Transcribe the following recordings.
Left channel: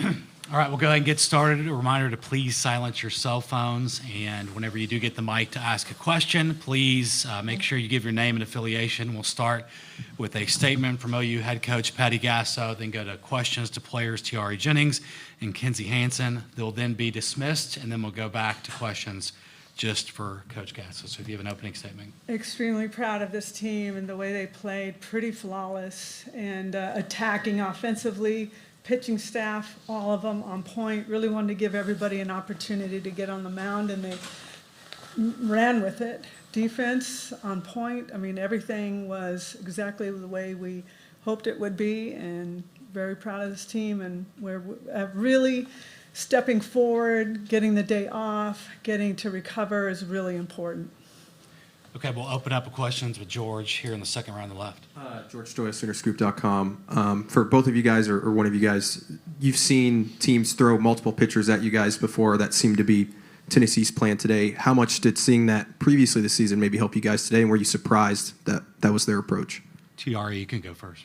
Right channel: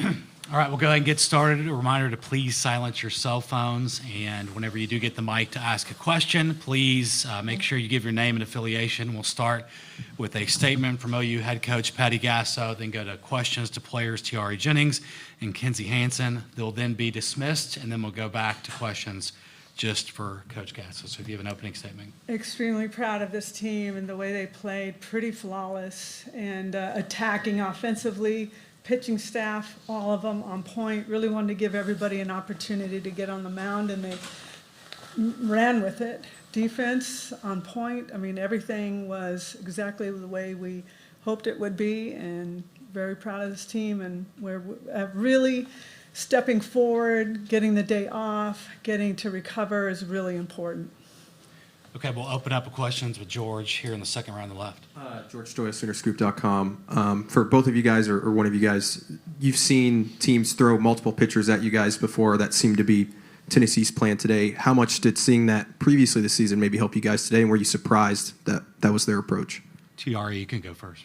All right, we'll go ahead and get started. A reminder to please silence your cell phones, and whenever you do get the mic to ask a question, please make sure you give your name and affiliation. We'll start with a statement from OU head coach Patty Gasso, then go to questions to players Tiare Jennings and Kinzie Hansen. They'll then be dismissed, and then we'll go back to questions just for Coach Gasso. So if you have an opening statement. Extremely proud of this team and the way they played, pretty flawless and attacking offensively. Pitching staff, all of them on point. Really wanted to give everybody an opportunity to get on the mound, and they ran with it. Defense on point. I mean, everything was exactly the way we hoped it would be, and very proud of this team. And we're really stepping forward, getting the day off, getting to recover is really important. Okay, we'll open up questions with George here in the second row on the left. George Stoya, SoonerScoop.com. For both of you guys, or one of you guys, you've seen teams throw multiple pitchers at you guys before. That seemed to be Tennessee's plan today. How much did seeing that previously this season maybe help you guys today, and were you surprised that that was their approach? Tiare, you can go first.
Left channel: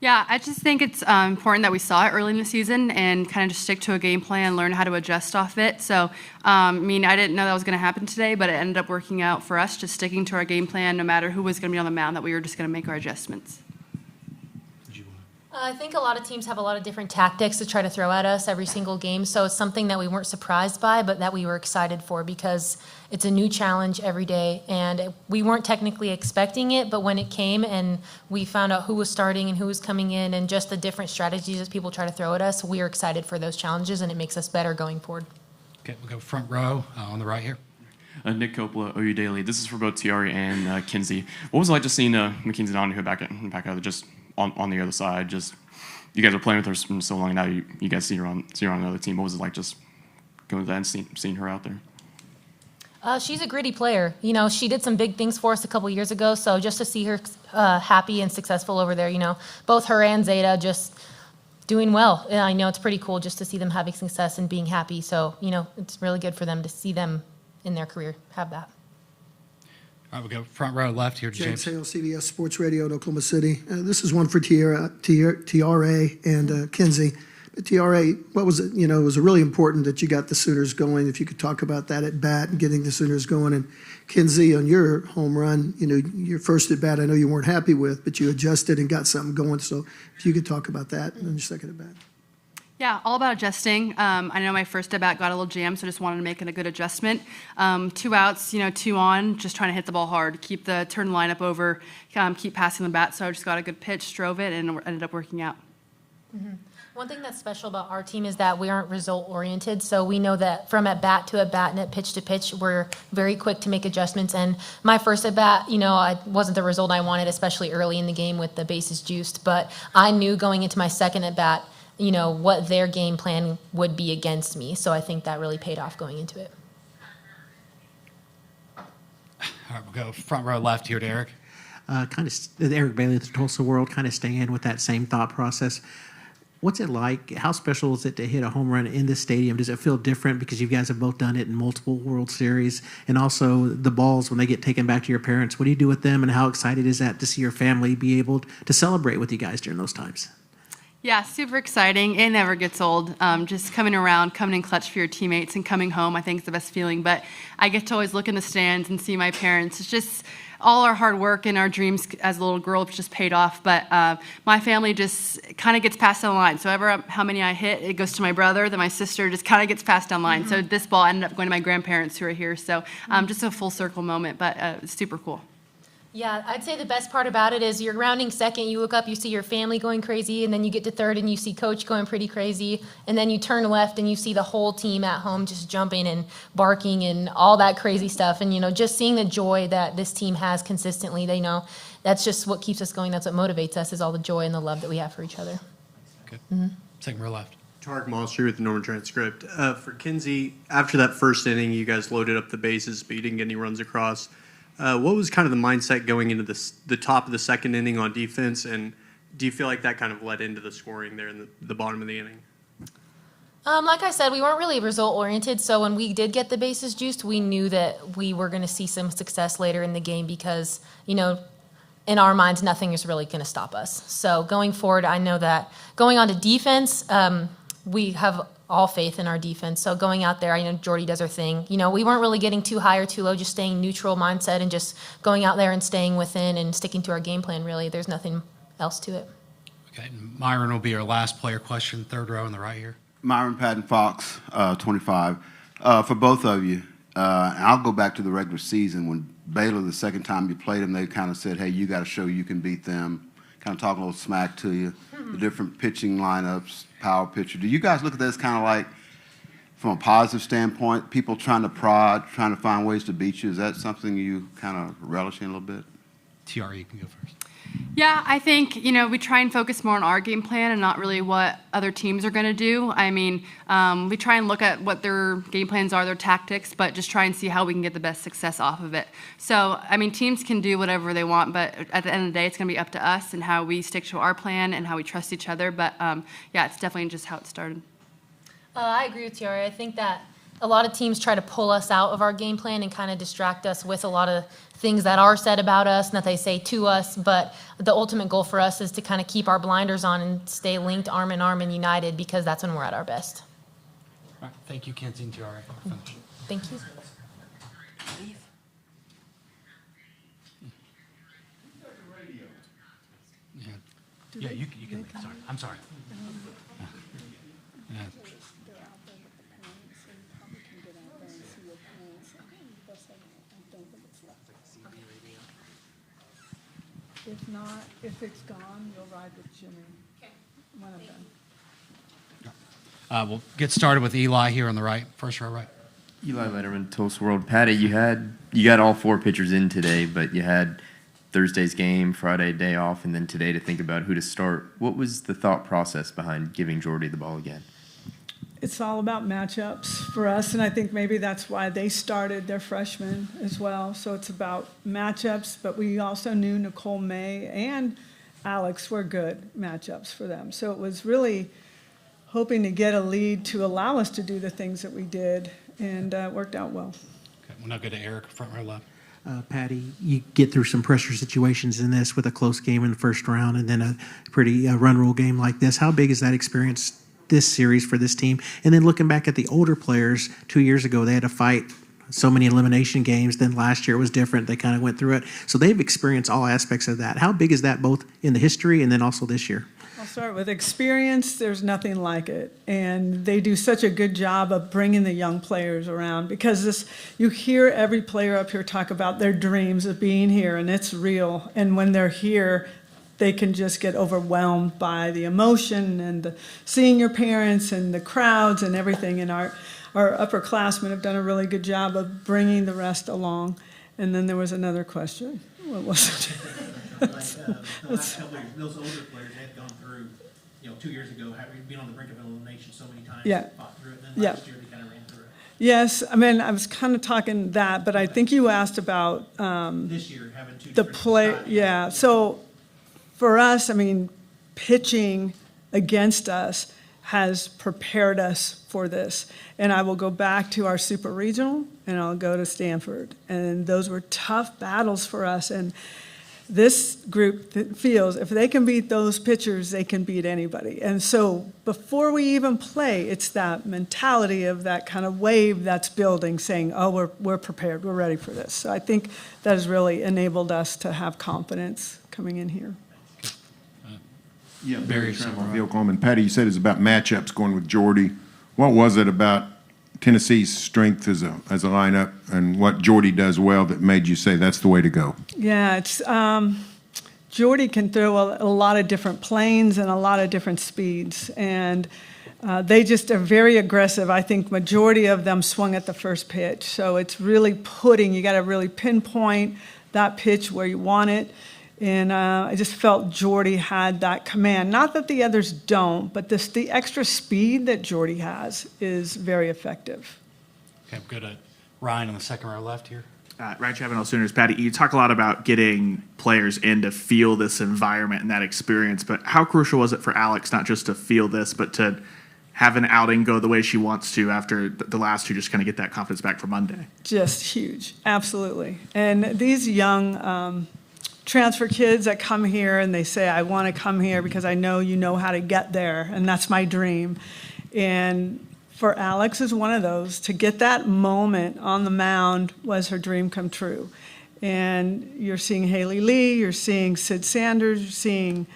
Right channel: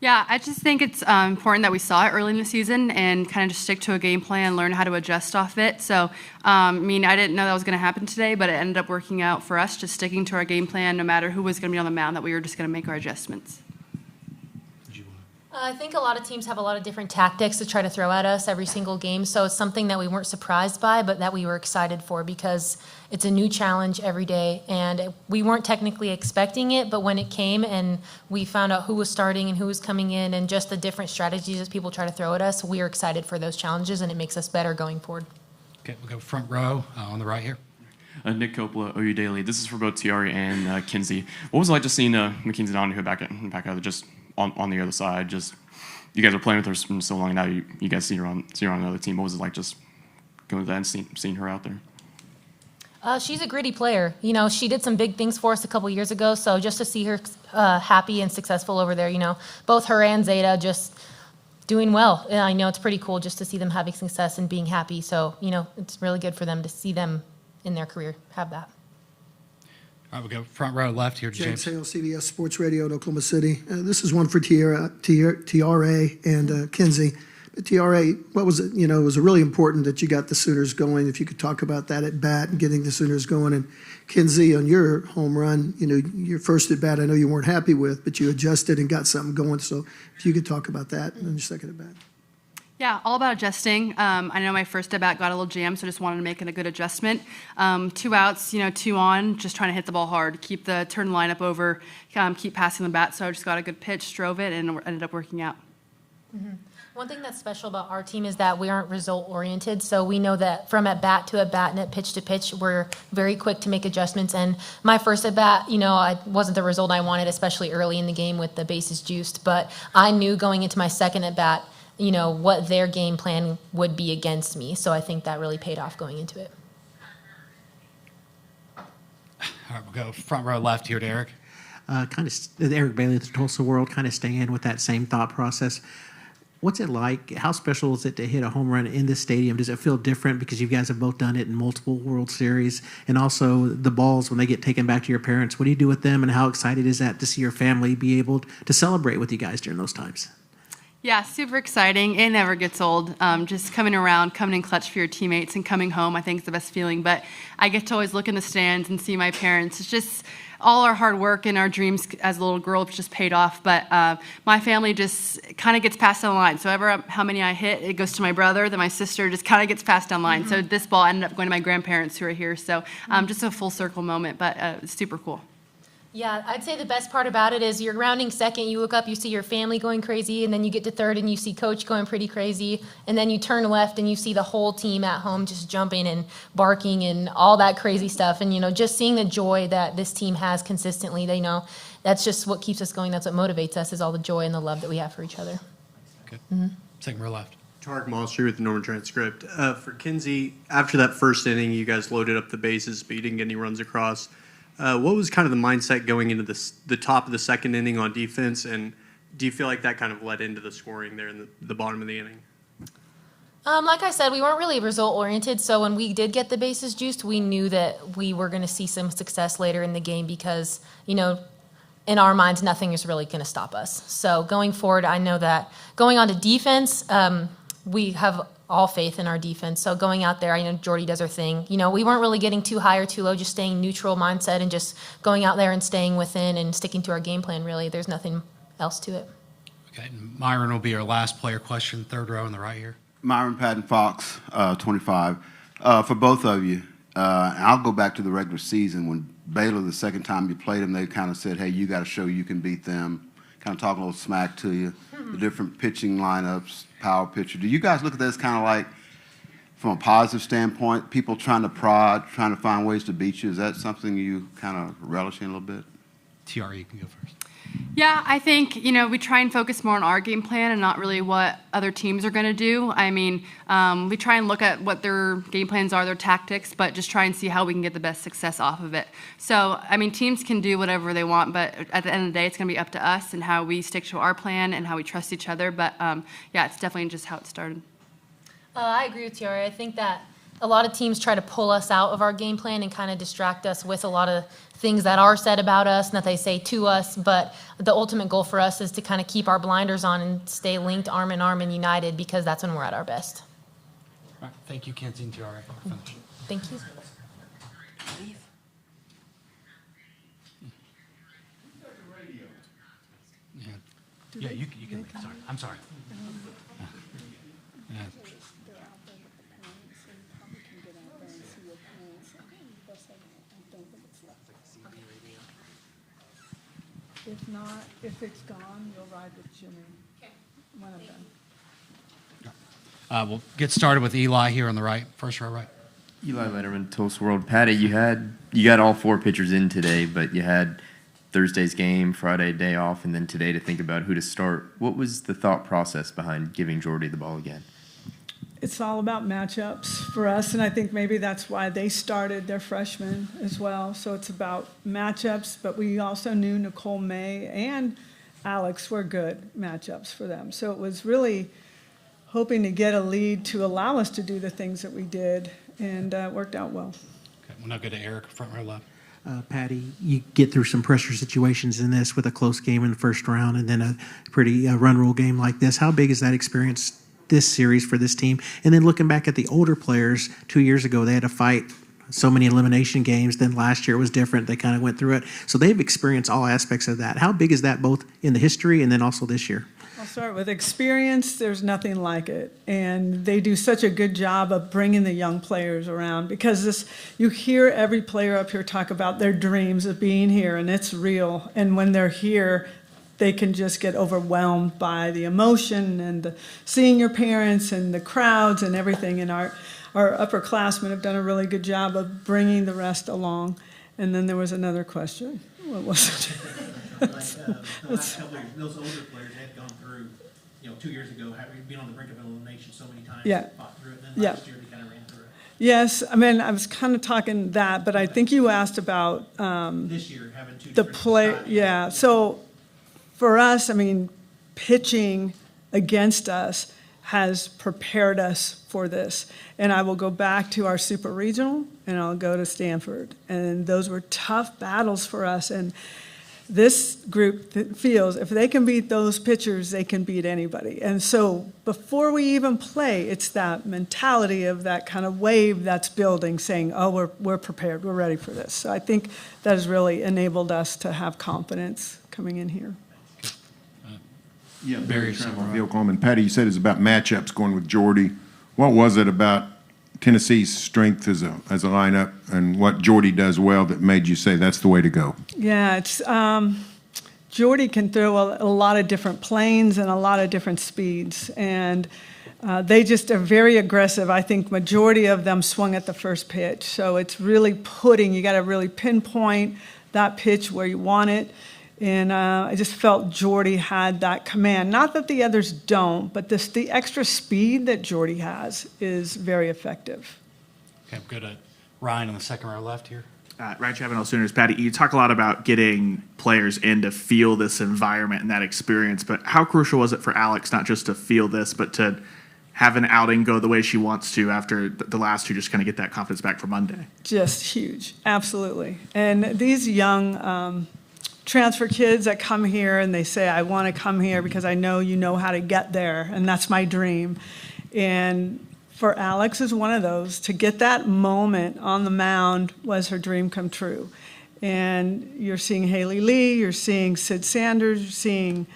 Yeah, I just think it's important that we saw it early in the season and kind of just stick to a game plan, learn how to adjust off it. So, I didn't know that was going to happen today, but it ended up working out for us, just sticking to our game plan no matter who was going to be on the mound, that we were just going to make our adjustments. I think a lot of teams have a lot of different tactics to try to throw at us every single game, so it's something that we weren't surprised by, but that we were excited for because it's a new challenge every day, and we weren't technically expecting it, but when it came and we found out who was starting and who was coming in and just the different strategies that people try to throw at us, we are excited for those challenges, and it makes us better going forward. Okay, we'll go front row on the right here. Nick Coppola, OU Daily. This is for both Tiare and Kinzie. What was it like just seeing McKenzie Donahue back out just on the other side? Just you guys are playing with her for so long now. You guys see her on another team. What was it like just going there and seeing her out there? She's a gritty player. You know, she did some big things for us a couple years ago. So just to see her happy and successful over there, both her and Zeta just doing well. And I know it's pretty cool just to see them having success and being happy. So, it's really good for them to see them in their career have that. All right, we'll go front row left here. James Hale, CBS Sports Radio in Oklahoma City. This is one for Tiare and Kinzie. Tiare, what was it? It was really important that you got the Sooners going. If you could talk about that at bat and getting the Sooners going. And Kinzie, on your home run, your first at bat, I know you weren't happy with, but you adjusted and got something going. So if you could talk about that and your second at bat. Yeah, all about adjusting. I know my first at-bat got a little jammed, so just wanted to make it a good adjustment. 2 outs, 2 on, just trying to hit the ball hard, keep the turn lineup over, keep passing the bat. So I just got a good pitch, drove it, and it ended up working out. Mm-hmm. One thing that's special about our team is that we aren't result-oriented, so we know that from at-bat to at-bat and at pitch to pitch, we're very quick to make adjustments. And my first at-bat, I wasn't the result I wanted, especially early in the game with the bases juiced, but I knew going into my second at-bat, what their game plan would be against me. So I think that really paid off going into it. All right, we'll go front row left here to Eric. Eric Bailey, the Tulsa World, kind of staying with that same thought process. What's it like? How special is it to hit a home run in this stadium? Does it feel different because you guys have both done it in multiple World Series? And also the balls, when they get taken back to your parents, what do you do with them? And how excited is that to see your family be able to celebrate with you guys during those times? Yeah, super exciting. It never gets old. Just coming around, coming in clutch for your teammates and coming home, I think is the best feeling. But I get to always look in the stands and see my parents. It's just all our hard work and our dreams as a little girl just paid off. But my family just kind of gets passed down the line. So how many I hit, it goes to my brother. Then my sister just kind of gets passed down the line. Mm-hmm. So this ball ended up going to my grandparents who are here. So just a full circle moment, but it's super cool. Yeah, I'd say the best part about it is you're rounding second, you look up, you see your family going crazy, and then you get to third and you see coach going pretty crazy, and then you turn left and you see the whole team at home just jumping and barking and all that crazy stuff. And, just seeing the joy that this team has consistently, they know that's just what keeps us going. That's what motivates us is all the joy and the love that we have for each other. Okay. Mm-hmm. Second row left. Tarek Moss here with the Norman Transcript. For Kinzie, after that first inning, you guys loaded up the bases, but you didn't get any runs across. What was kind of the mindset going into the top of the second inning on defense, and do you feel like that kind of led into the scoring there in the bottom of the inning? Like I said, we weren't really result-oriented, so when we did get the bases juiced, we knew that we were going to see some success later in the game because, in our minds, nothing is really going to stop us. So going forward, I know that going on to defense, we have all faith in our defense. So going out there, I know Jordy does her thing. You know, we weren't really getting too high or too low, just staying neutral mindset and just going out there and staying within and sticking to our game plan, really. There's nothing else to it. Okay, Myron will be our last player question, third row in the right here. Myron Patton Fox, 25. For both of you, and I'll go back to the regular season when Baylor, the second time you played them, they kind of said, hey, you got to show you can beat them, kind of talking a little smack to you, the different pitching lineups, power pitcher. Do you guys look at this kind of like, from a positive standpoint, people trying to prod, trying to find ways to beat you? Is that something you kind of relish in a little bit? Tiare, you can go first. Yeah, I think, we try and focus more on our game plan and not really what other teams are going to do. I mean, we try and look at what their game plans are, their tactics, but just try and see how we can get the best success off of it. So, I mean, teams can do whatever they want, but at the end of the day, it's going to be up to us and how we stick to our plan and how we trust each other. But, yeah, it's definitely just how it started. I agree with Tiare. I think that a lot of teams try to pull us out of our game plan and kind of distract us with a lot of things that are said about us and that they say to us. But the ultimate goal for us is to kind of keep our blinders on and stay linked arm in arm and united, because that's when we're at our best. All right, thank you, Kinzie and Tiare. Thank you. Yeah, you can. Sorry, I'm sorry. Yeah. If not, if it's gone, you'll ride with Jimmy. When I'm done. We'll get started with Eli here on the right, first row right. Eli Letterman, Toast World. Patty, you got all four pitchers in today, but you had Thursday's game, Friday day off, and then today to think about who to start. What was the thought process behind giving Jordy the ball again? It's all about matchups for us, and I think maybe that's why they started their freshmen as well. So it's about matchups, but we also knew Nicole May and Alex were good matchups for them. So it was really hoping to get a lead to allow us to do the things that we did, and it worked out well. Okay, we'll now go to Eric, front row left. Patty, you get through some pressure situations in this with a close game in the first round and then a pretty run rule game like this. How big is that experience this series for this team? And then looking back at the older players, 2 years ago, they had to fight so many elimination games. Then last year it was different. They kind of went through it. So they've experienced all aspects of that. How big is that both in the history and then also this year? I'll start with experience. There's nothing like it. And they do such a good job of bringing the young players around, because you hear every player up here talk about their dreams of being here, and it's real. And when they're here, they can just get overwhelmed by the emotion and seeing your parents and the crowds and everything. And our upperclassmen have done a really good job of bringing the rest along. And then there was another question. What was it? Those older players have gone through, 2 years ago, having been on the brink of elimination so many times. Yeah. Fought through it. Then Yeah. last year they kind of ran through it. Yes, I mean, I was kind of talking that, but I think you asked about This year, having two the different play. styles. Yeah, so for us, I mean, pitching against us has prepared us for this. And I will go back to our super regional, and I'll go to Stanford. And those were tough battles for us. And this group feels if they can beat those pitchers, they can beat anybody. And so before we even play, it's that mentality of that kind of wave that's building, saying, oh, we're prepared, we're ready for this. So I think that has really enabled us to have confidence coming in here. Yeah, Barry Summerville, Oklahoma. Patty, you said it's about matchups going with Jordy. What was it about Tennessee's strength as a lineup and what Jordy does well that made you say that's the way to go? Yeah, it's Jordy can throw a lot of different planes and a lot of different speeds, and they just are very aggressive. I think majority of them swung at the first pitch, so it's really you got to really pinpoint that pitch where you want it. And I just felt Jordy had that command. Not that the others don't, but the extra speed that Jordy has is very effective. Okay, we'll go to Ryan on the second row left here. Ryan Chavin, Sooners. Patty, you talk a lot about getting players in to feel this environment and that experience, but how crucial was it for Alex not just to feel this, but to have an outing go the way she wants to after the last two, just kind of get that confidence back for Monday? Just huge, absolutely. And these young transfer kids that come here and they say, I want to come here because I know you know how to get there, and that's my dream. And for Alex is one of those. To get that moment on the mound was her dream come true. And you're seeing Haley Lee, you're seeing Sid Sanders, you're seeing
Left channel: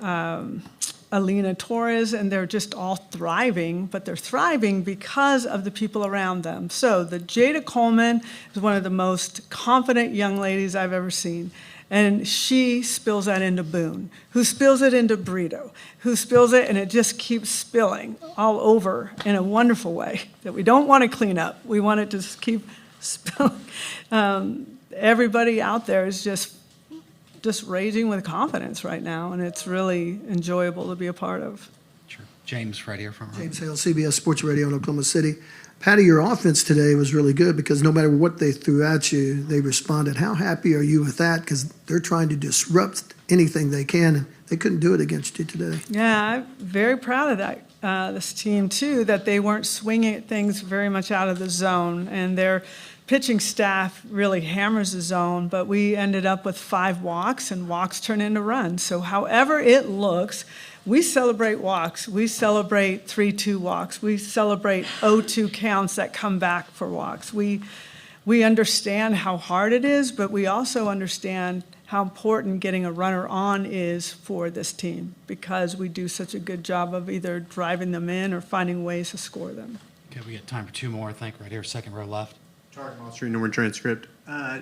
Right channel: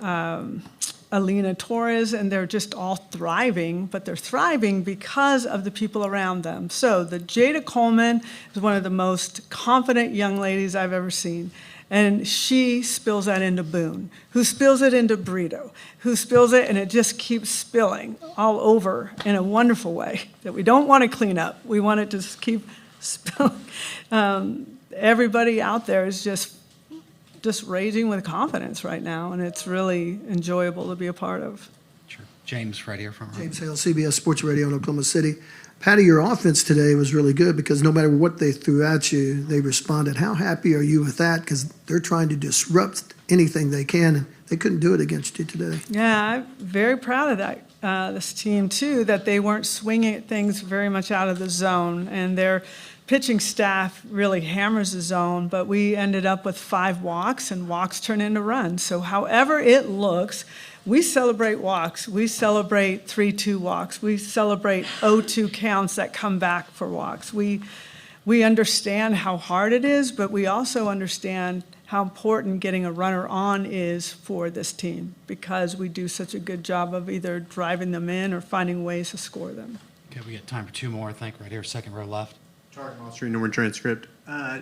Alina Torres, and they're just all thriving, but they're thriving because of the people around them. So the Jada Coleman is one of the most confident young ladies I've ever seen. And she spills that into Boone, who spills it into Brito, who spills it, and it just keeps spilling all over in a wonderful way that we don't want to clean up. We want it to just keep spilling. Everybody out there is just raging with confidence right now, and it's really enjoyable to be a part of. Sure. James, right here from James Hale, CBS Sports Radio in Oklahoma City. Patty, your offense today was really good because no matter what they threw at you, they responded. How happy are you with that? Because they're trying to disrupt anything they can, and they couldn't do it against you today. Yeah, I'm very proud of that. This team, too, that they weren't swinging at things very much out of the zone, and their pitching staff really hammers the zone, but we ended up with 5 walks, and walks turn into runs. So however it looks, we celebrate walks. We celebrate 3-2 walks. We celebrate 0-2 counts that come back for walks. We understand how hard it is, but we also understand how important getting a runner on is for this team because we do such a good job of either driving them in or finding ways to score them. Okay, we got time for 2 more, I think, right here, second row left. Monster number transcript.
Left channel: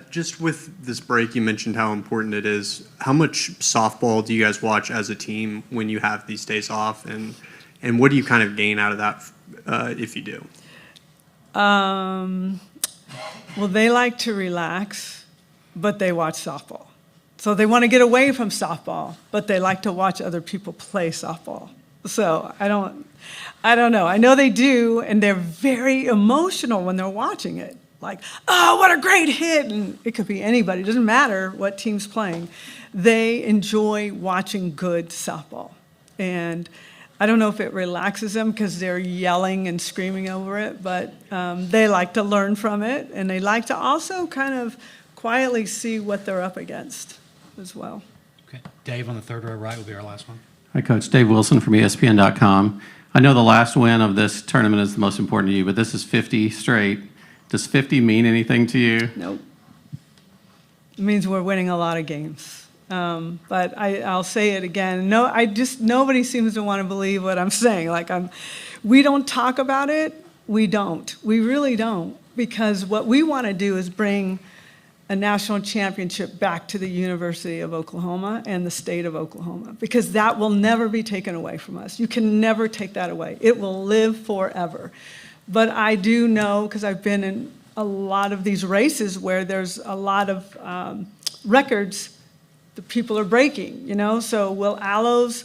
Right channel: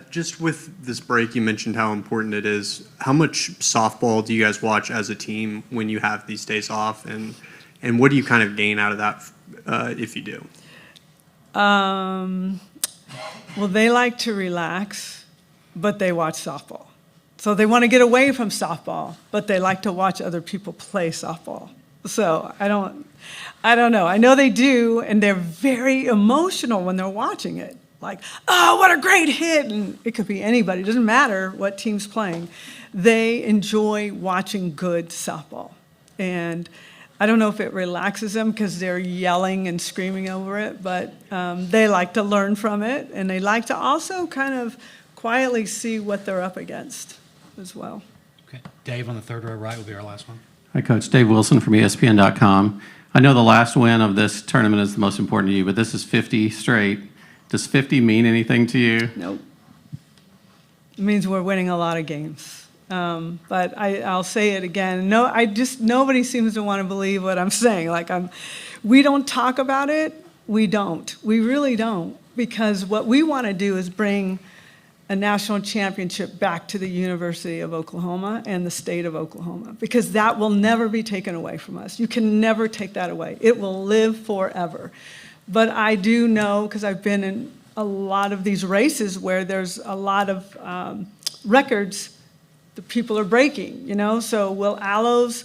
Just with this break, you mentioned how important it is. How much softball do you guys watch as a team when you have these days off, and what do you kind of gain out of that if you do? Well, they like to relax, but they watch softball. So they want to get away from softball, but they like to watch other people play softball. So I don't know. I know they do, and they're very emotional when they're watching it. Like, oh, what a great hit. And it could be anybody. It doesn't matter what team's playing. They enjoy watching good softball. And I don't know if it relaxes them because they're yelling and screaming over it, but they like to learn from it. And they like to also kind of quietly see what they're up against as well. Okay, Dave on the third row right will be our last one. Hi, Coach. Dave Wilson from ESPN.com. I know the last win of this tournament is the most important to you, but this is 50 straight. Does 50 mean anything to you? Nope. It means we're winning a lot of games. But I'll say it again. No, nobody seems to want to believe what I'm saying. We don't talk about it. We don't. We really don't. Because what we want to do is bring a national championship back to the University of Oklahoma and the state of Oklahoma, because that will never be taken away from us. You can never take that away. It will live forever. But I do know, because I've been in a lot of these races where there's a lot of records that people are breaking, So will Alo's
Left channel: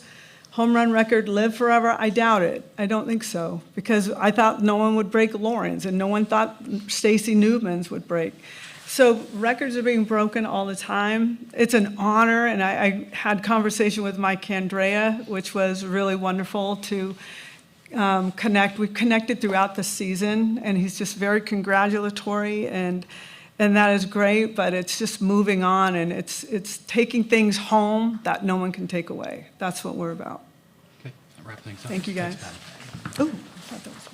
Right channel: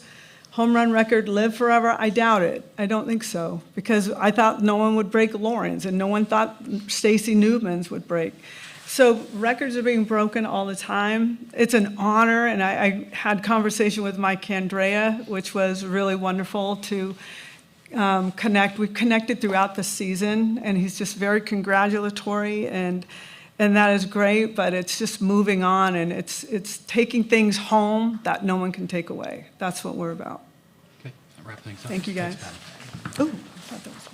home run record live forever? I doubt it. I don't think so, because I thought no one would break Lauren's, and no one thought Stacy Newman's would break. So records are being broken all the time. It's an honor, and I had conversation with Mike Candrea, which was really wonderful to connect. We've connected throughout the season, and he's just very congratulatory, and that is great, but it's just moving on, and it's taking things home that no one can take away. That's what we're about. Okay, that wraps things up. Thank you, guys. Thanks, Patty. Oh, I thought that was